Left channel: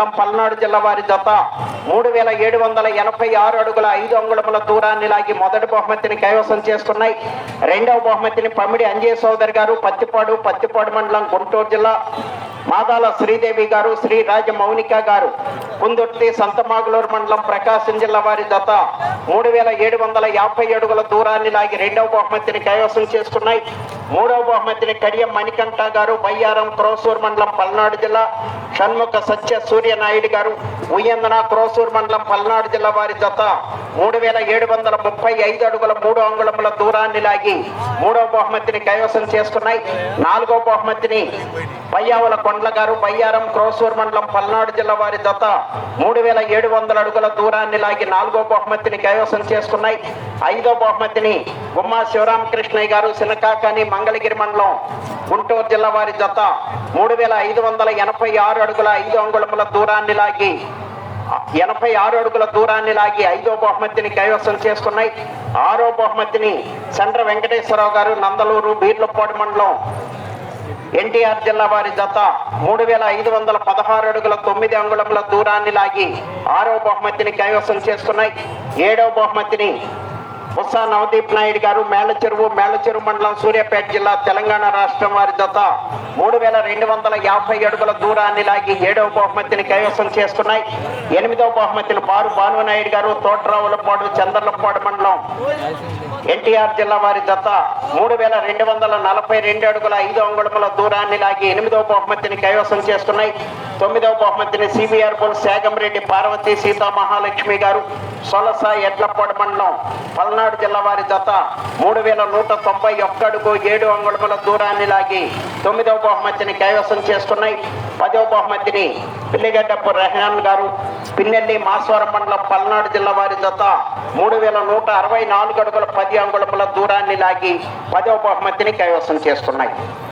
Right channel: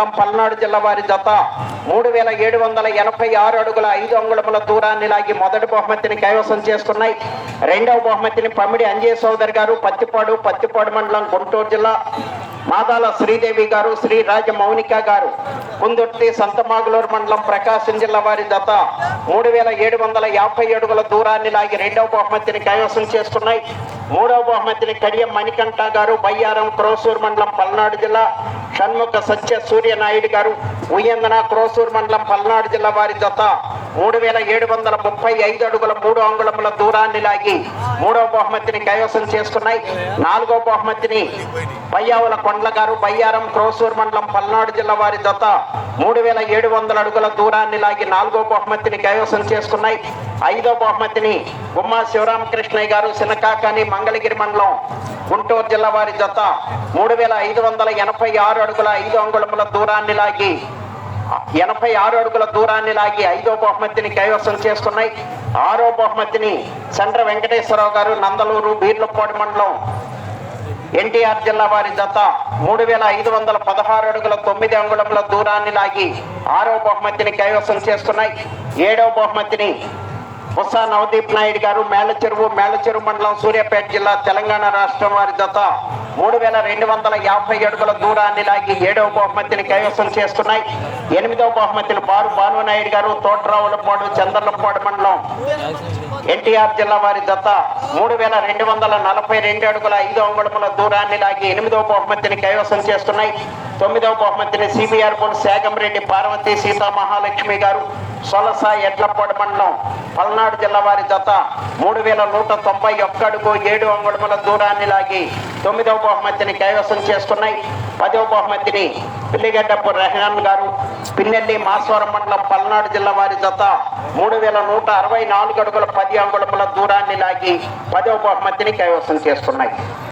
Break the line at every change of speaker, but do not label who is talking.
పల్నాడు జిల్లా వారి జత మూడు వేల ఏడు వందల ఎనభై ఆరు అడుగుల ఐదు అంగుళముల దూరాన్ని లాగి మొదటి బహుమతిని కైవసం చేసుకున్నాయి. రెండవ బహుమతిని పమిడి అంజయ సోదర్ గారు పత్తిపాడు పత్తిపాడు మండలం గుంటూరు జిల్లా మాదాల శ్రీదేవి గారు శ్రీ రాజ మౌనిక గారు. కుందొట్టి సంతమాగులూరు మండలం ప్రకాశం జిల్లా వారి జత మూడు వేల ఏడు వందల యాభై అడుగుల దూరాన్ని లాగి రెండవ బహుమతిని కైవసం చేసుకున్నాయి. మూడవ బహుమతిని కడియం మణికంఠ గారు బయ్యారం క్రోసూర్ మండలం పల్నాడు జిల్లా షణ్ముఖ సత్య సూర్యనాయుడు గారు ఉయ్యందన క్రోసూర్ మండలం పల్నాడు జిల్లా వారి జత మూడు వేల ఏడు వందల ముప్పై ఐదు అడుగుల మూడు అంగుళముల దూరాన్ని లాగి మూడవ బహుమతిని కైవసం చేసుకున్నాయి. నాలుగవ బహుమతిని బయ్యావుల కొండ్ల గారు బయ్యారం క్రోసూర్ మండలం పల్నాడు జిల్లా వారి జత మూడు వేల ఏడు వందల అడుగుల దూరాన్ని లాగి నాలుగో బహుమతిని కైవసం చేసుకున్నాయి. ఐదో బహుమతిని గుమ్మా శివరామకృష్ణయ్య గారు సినకాకాని మంగళగిరి మండలం గుంటూరు జిల్లా వారి జత మూడు వేల ఐదు వందల ఎనభై ఆరు అడుగుల ఐదు అంగుళముల దూరాన్ని లాగి ఎనభై ఆరు అడుగుల దూరాన్ని లాగి ఐదో బహుమతిని కైవసం చేసుకున్నాయి. ఆరో బహుమతిని చండ్ర వెంకటేశ్వరరావు గారు నందలూరు బీర్లపాడు మండలం ఎన్టీఆర్ జిల్లా వారి జత మూడు వేల ఐదు వందల పదహారు అడుగుల తొమ్మిది అంగుళముల దూరాన్ని లాగి ఆరో బహుమతిని కైవసం చేసుకున్నాయి. ఏడవ బహుమతిని బొత్స నవదీప్ నాయుడు గారు మేళ్ళచెరువు మేళ్ళచెరువు మండలం సూర్యాపేట జిల్లా తెలంగాణ రాష్ట్రం వారి జత. మూడు వేల రెండు వందల యాభై అడుగుల దూరాన్ని లాగి ఏడవ బహుమతిని కైవసం చేసుకున్నాయి. ఎనిమిదవ బహుమతిని బారు భానునాయుడు గారు తోటరావులపాడు చంద్రలపాడు మండలం ఎన్టీఆర్ జిల్లా వారి జత. మూడు వేల రెండు వందల నలభై రెండు అడుగుల ఐదు అంగుళముల దూరాన్ని లాగి ఎనిమిదవ బహుమతిని కైవసం చేసుకున్నాయి. తొమ్మిదవ బహుమతిని సిబిఆర్ బోల్ శాగంరెడ్డి పార్వతి సీతా మహాలక్ష్మి గారు సొలస ఎడ్లపాడు మండలం పల్నాడు జిల్లా వారి జత మూడు వేల నూట తొంభై ఒక్క అడుగు ఏడు అంగుళముల దూరాన్ని లాగి తొమ్మిదవ బహుమతిని కైవసం చేసుకున్నాయి. పదవ బహుమతిని పిల్లిగడ్డపు రెహనాన్ గారు పిన్నెల్లి మాస్వరం మండలం పల్నాడు జిల్లా వారి జత మూడు వేల నూట అరవై నాలుగు అడుగుల పది అంగుళముల దూరాన్ని లాగి పదవ బహుమతిని కైవసం చేసుకున్నాయి.